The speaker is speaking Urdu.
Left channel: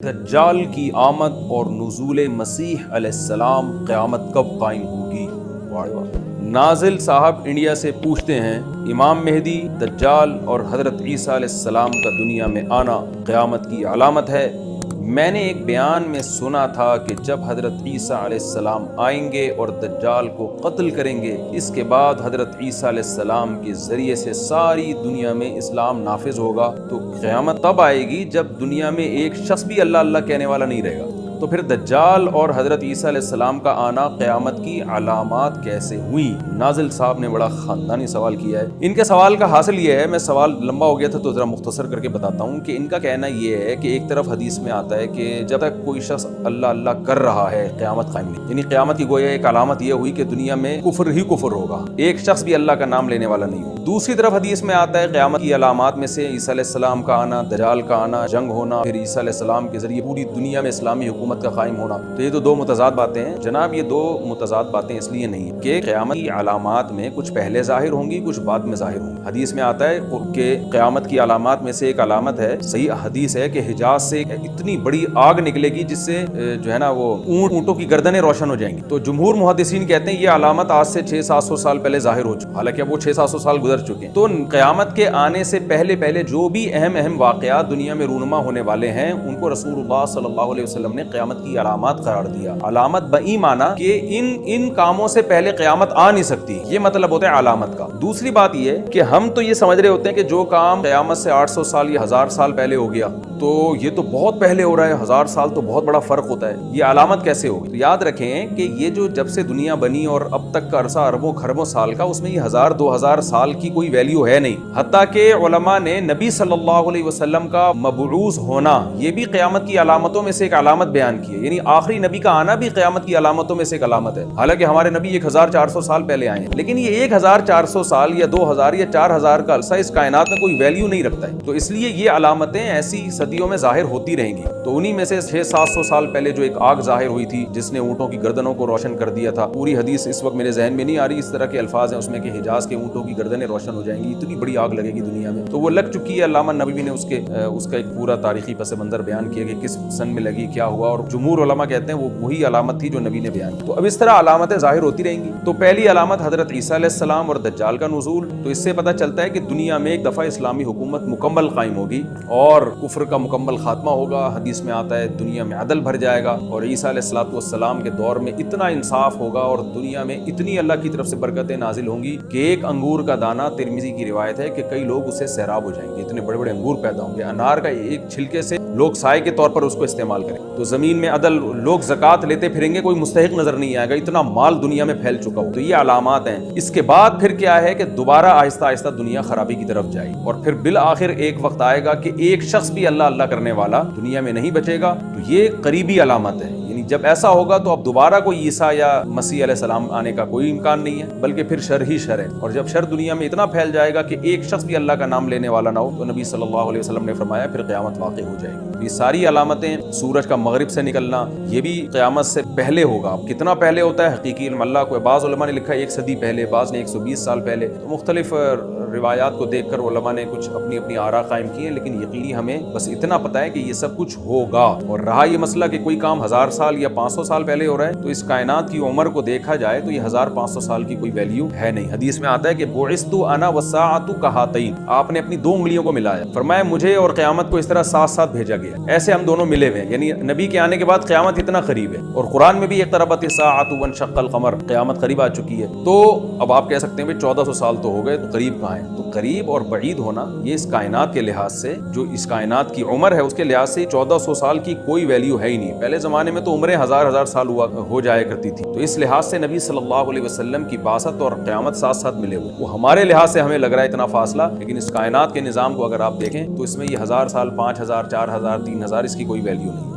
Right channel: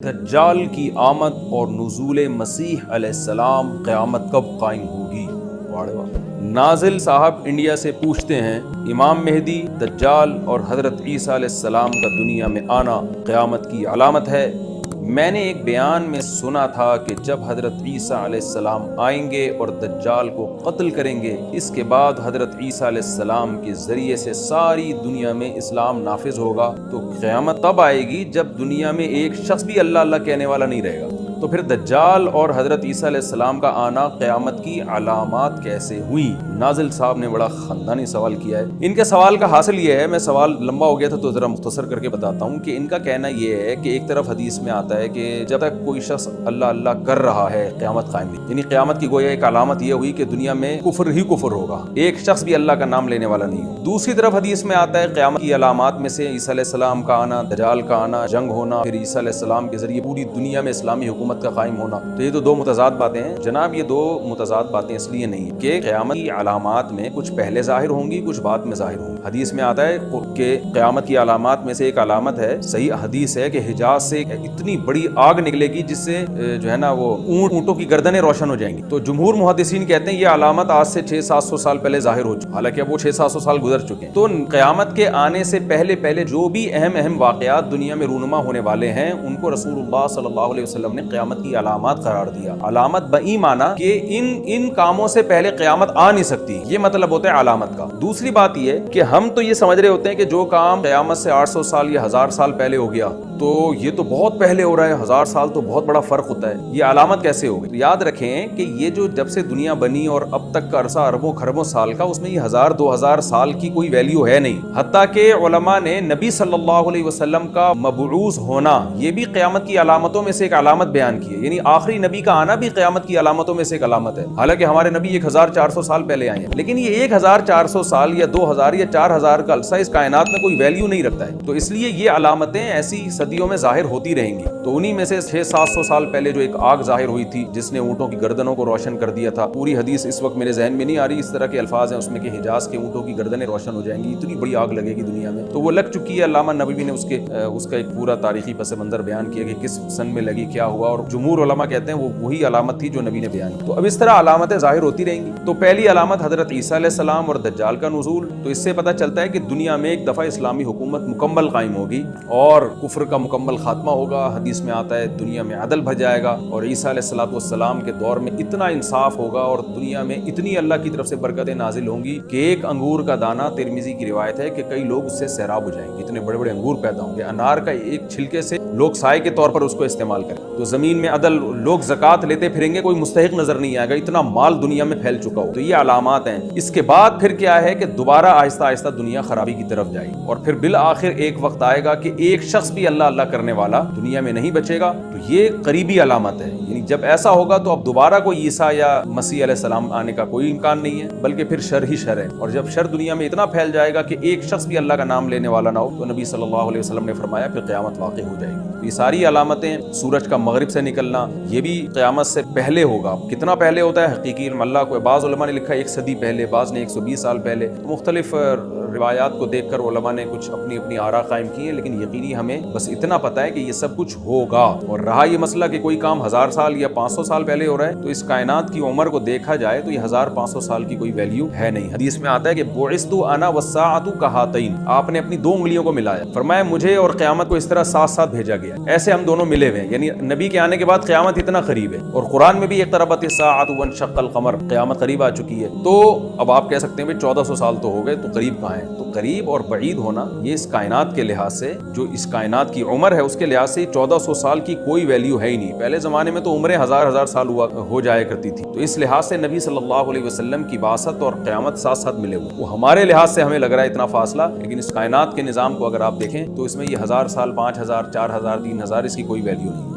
دجال کی آمد اور نزول مسیح علیہ السلام قیامت کب قائم ہوگی؟ نازل صاحب انڈیا سے پوچھتے ہیں امام مہدی، دجال اور حضرت عیسیٰ علیہ السلام کا دنیا میں آنا قیامت کی علامت ہے۔ میں نے ایک بیان میں سنا تھا کہ جب حضرت عیسیٰ علیہ السلام آئیں گے اور دجال کو قتل کریں گے، اس کے بعد حضرت عیسیٰ علیہ السلام کے ذریعے سے ساری دنیا میں اسلام نافذ ہوگا۔ تو قیامت تب آئے گی جب دنیا میں ایک شخص بھی اللہ اللہ کہنے والا نہیں رہے گا۔ تو پھر دجال اور حضرت عیسیٰ علیہ السلام کا آنا قیامت کی علامات کیسے ہوئی؟ نازل صاحب نے بڑا خاندانی سوال کیا ہے۔ ان کے سوال کا حاصل یہ ہے، میں سوال لمبا ہو گیا تھا تو ذرا مختصر کر کے بتاتا ہوں کہ ان کا کہنا یہ ہے کہ ایک طرف حدیث میں آتا ہے کہ جب تک کوئی شخص اللہ اللہ کر رہا ہے قیامت قائم نہیں، یعنی قیامت کی کوئی ایک علامت یہ ہوئی کہ دنیا میں کفر ہی کفر ہوگا، ایک شخص بھی اللہ کا نام لینے والا نہیں ہے۔ دوسری طرف حدیث میں آتا ہے قیامت کی علامات میں سے عیسیٰ علیہ السلام کا آنا، دجال کا آنا، جنگ ہونا، پھر عیسیٰ علیہ السلام کے ذریعے پوری دنیا میں اسلامی حکومت کا قائم ہونا۔ تو یہ تو دو متضاد باتیں ہیں جناب، یہ دو متضاد باتیں اس لیے نہیں کہ قیامت کی علامات میں کچھ پہلے ظاہر ہوں گی، کچھ بعد میں ظاہر ہوں گی۔ حدیث میں آتا ہے کہ قیامت کی علامات میں سے ایک علامت ہے، صحیح حدیث ہے کہ حجاز سے اتنی بڑی آگ نکلے گی جس سے جو ہے نا وہ اونٹوں کی گردنیں روشن ہو جائیں گی۔ تو جمہور محدثین کہتے ہیں یہ علامت آج سے 600-700 سال پہلے ظاہر ہو چکی، حالانکہ اب وہ 600-700 سال گزر چکے ہیں۔ تو قیامت کے آنے سے پہلے جو بھی اہم واقعات دنیا میں رونما ہونے والے ہیں ان کو رسول اللہ صلی اللہ علیہ وسلم نے قیامت کی علامات قرار دیا۔ علامت بئی معنی کہ ان کاموں سے پہلے قیامت آ نہیں سکتی، یہ مطلب ہوتا ہے علامت کا۔ دوسری بات یہ ہے کہ ہم تو یہ سمجھ رہے ہوتے ہیں کہ جو کام قیامت سے 800 سال یا 1000 سال پہلے ہو گیا تو یہ تو بہت پہلے ہو رہا ہے، 1000 سال تو بہت بڑا فرق ہوتا ہے، یہ علامت کیسے ہوگی؟ تو یاد رکھیں کہ یہ جو جب سے دنیا بنی اور اب تک کا عرصہ اربوں خربوں سال کا، اس میں یہ 1000-2000 سال کی کوئی ویلیو ہے نہیں۔ حتیٰ کہ علماء نے نبی صلی اللہ علیہ وسلم کا مبعوث ہونا یہ بھی قیامت کی علامتوں میں سے ایک علامت بیان کی ہے، یعنی آخری نبی کا آنا بھی قیامت کی علامتوں میں سے ایک علامت ہے۔ حالانکہ ہمارے نبی 1400 سال پہلے آئے ہیں، لیکن یہ 1400 سال یا 2000 یا 4000 کا عرصہ اس کائنات میں کوئی ویلیو نہیں رکھتا ہے، تو اس لیے یہ علامتیں ایسی صدیوں میں ظاہر ہوتی رہیں گی۔ تو انہی میں سے 600-700 سال پہلے جو ایک آگ ظاہر ہوئی تھی جس نے اونٹوں کی گردنوں کو روشن کر دیا تھا، پوری حدیث اس وقت میرے ذہن میں نہیں آ رہی، اس طرح کے الفاظ ہیں اس میں کہ حجاز کے اونٹوں کی گردنیں روشن ہو جائیں گی، اتنی بڑی آگ لگے گی دنیا میں، تو وہ لگ چکی ہے۔ علامہ نووی نے اس کا ایک پورا تاریخی پس منظر بیان کیا کہ کس سن میں لگی، کیا ہوا، اور جمہور علماء کہتے ہیں وہی علامت تھی جو نبی نے بیان کی۔ تو اب اس طرح علامتیں ظاہر ہوتی رہیں گی۔ تو پہلی علامت حضرت عیسیٰ علیہ السلام اور دجال کا نزول، تو اس سے پتہ چلتا ہے کہ دنیا میں ایک دفعہ اسلامی حکومت مکمل قائم ہوگی اور کفر کا مکمل خاتمہ ہوگا۔ حدیث میں آتا ہے دنیا میں عدل بھر جائے گا اور عیسیٰ علیہ السلام کے دور میں اتنا انصاف ہوگا اور دنیا میں اتنی اللہ کی طرف سے برکتیں نازل ہوں گی کہ ایک انگور کا دانہ، ترمذی کی روایت ہے کہ کئی لوگ اس سے سیراب ہو جائیں گے، اتنے بڑے بڑے انگور پیدا ہوں گے۔ انار کا ایک چھلکے سے لوگ سائے کے طور پر اس کو استعمال کریں، تو زمین میں عدل، لوگ زکوٰۃ لیتے پھریں گے، کوئی مستحق نظر نہیں آئے گا، اتنا مال دنیا میں پھیل چکا ہو۔ تو یہ علامات ہیں۔ اس کے بعد پھر کیا ہے کہ دوبارہ آہستہ آہستہ دنیا خرابی کی طرف جائے گی اور پھر بالآخر ایک وقت آئے گا کہ ایک شخص بھی اللہ اللہ کرنے والا دنیا میں نہیں بچے گا۔ تو یہ قریبی علامت ہے، یعنی جب ایسا ہوگا تو اب دوبارہ کوئی عیسیٰ یا مسیح علیہ السلام آنے کا کوئی امکان نہیں ہے، بلکہ پھر شر ہی شر ہے، اور جب شر دنیا میں اتنا پھیل جائے گا کہ ایک شخص بھی اللہ کا نام لینے والا نہ ہو تو نبی صلی اللہ علیہ وسلم نے فرمایا پھر قیامت واقع ہو جائے گی۔ یہ ساری علامتیں، سورج کا مغرب سے نکلنا، یہ بھی قیامت سے پہلے ہوگا۔ کتنا پہلے ہوتا ہے حقیقی علم اللہ کو، بعض علماء نے لکھا 1 صدی پہلے، بعض نے 120 سال پہلے۔ مختلف روایات کو دیکھ کر علماء نے کچھ اپنی آراء قائم کی ہے، لیکن یقینی ہمیں بس اتنا پتہ ہے کہ یہ سب کچھ ہوگا۔ اور رہا یہ مسئلہ کہ کوئی کام 1000 سال یا 500 سال پہلے ہو رہا ہے، تو اس کائنات کی عمر کو دیکھا جائے تو یہ 1500 سال کی کوئی ویلیو ہے نہیں۔ حدیث میں آتا ہے کہ بعثت انا والساعۃ کہاتین، آپ نے اپنی 2 انگلیوں کو ملایا، فرمایا مجھے اور قیامت کو اس طرح ساتھ ساتھ بھیجا گیا، ایسے ہم دونوں ملے ہوئے، یعنی نبی کے آنے کے بعد قیامت اتنا قریب ہے۔ اور قرآن میں بھی اقتربت الساعۃ وانشق القمر، قیامت قریب آ چکی ہے۔ تو اب آپ کہہ سکتے ہیں 1400 سال تو ہو گئے، تو قریب کہاں ہے؟ تو قریب اور بعید ہونا یہ اس کائنات کے لحاظ سے، جو اس کائنات کی عمر ہے اس کے لحاظ سے 1400 سال کی کوئی ویلیو ہے ہی نہیں۔ پہلے زمانے میں تو عمریں 1000 سال ہو جایا کرتی تھی، تو اس لحاظ سے نبی صلی اللہ علیہ وسلم کی بعثت اور قیامت ساتھ ساتھ ملے ہوئے۔ وہ ہمارے لحاظ سے ہمیں لگ رہا ہے اتنا فاصلہ، لیکن اس کائنات کے نظام کو اگر آپ دیکھیں تو اس میں یہ 1000 سال، 5000، 4000، 3000 اس کی کوئی ویلیو نہیں۔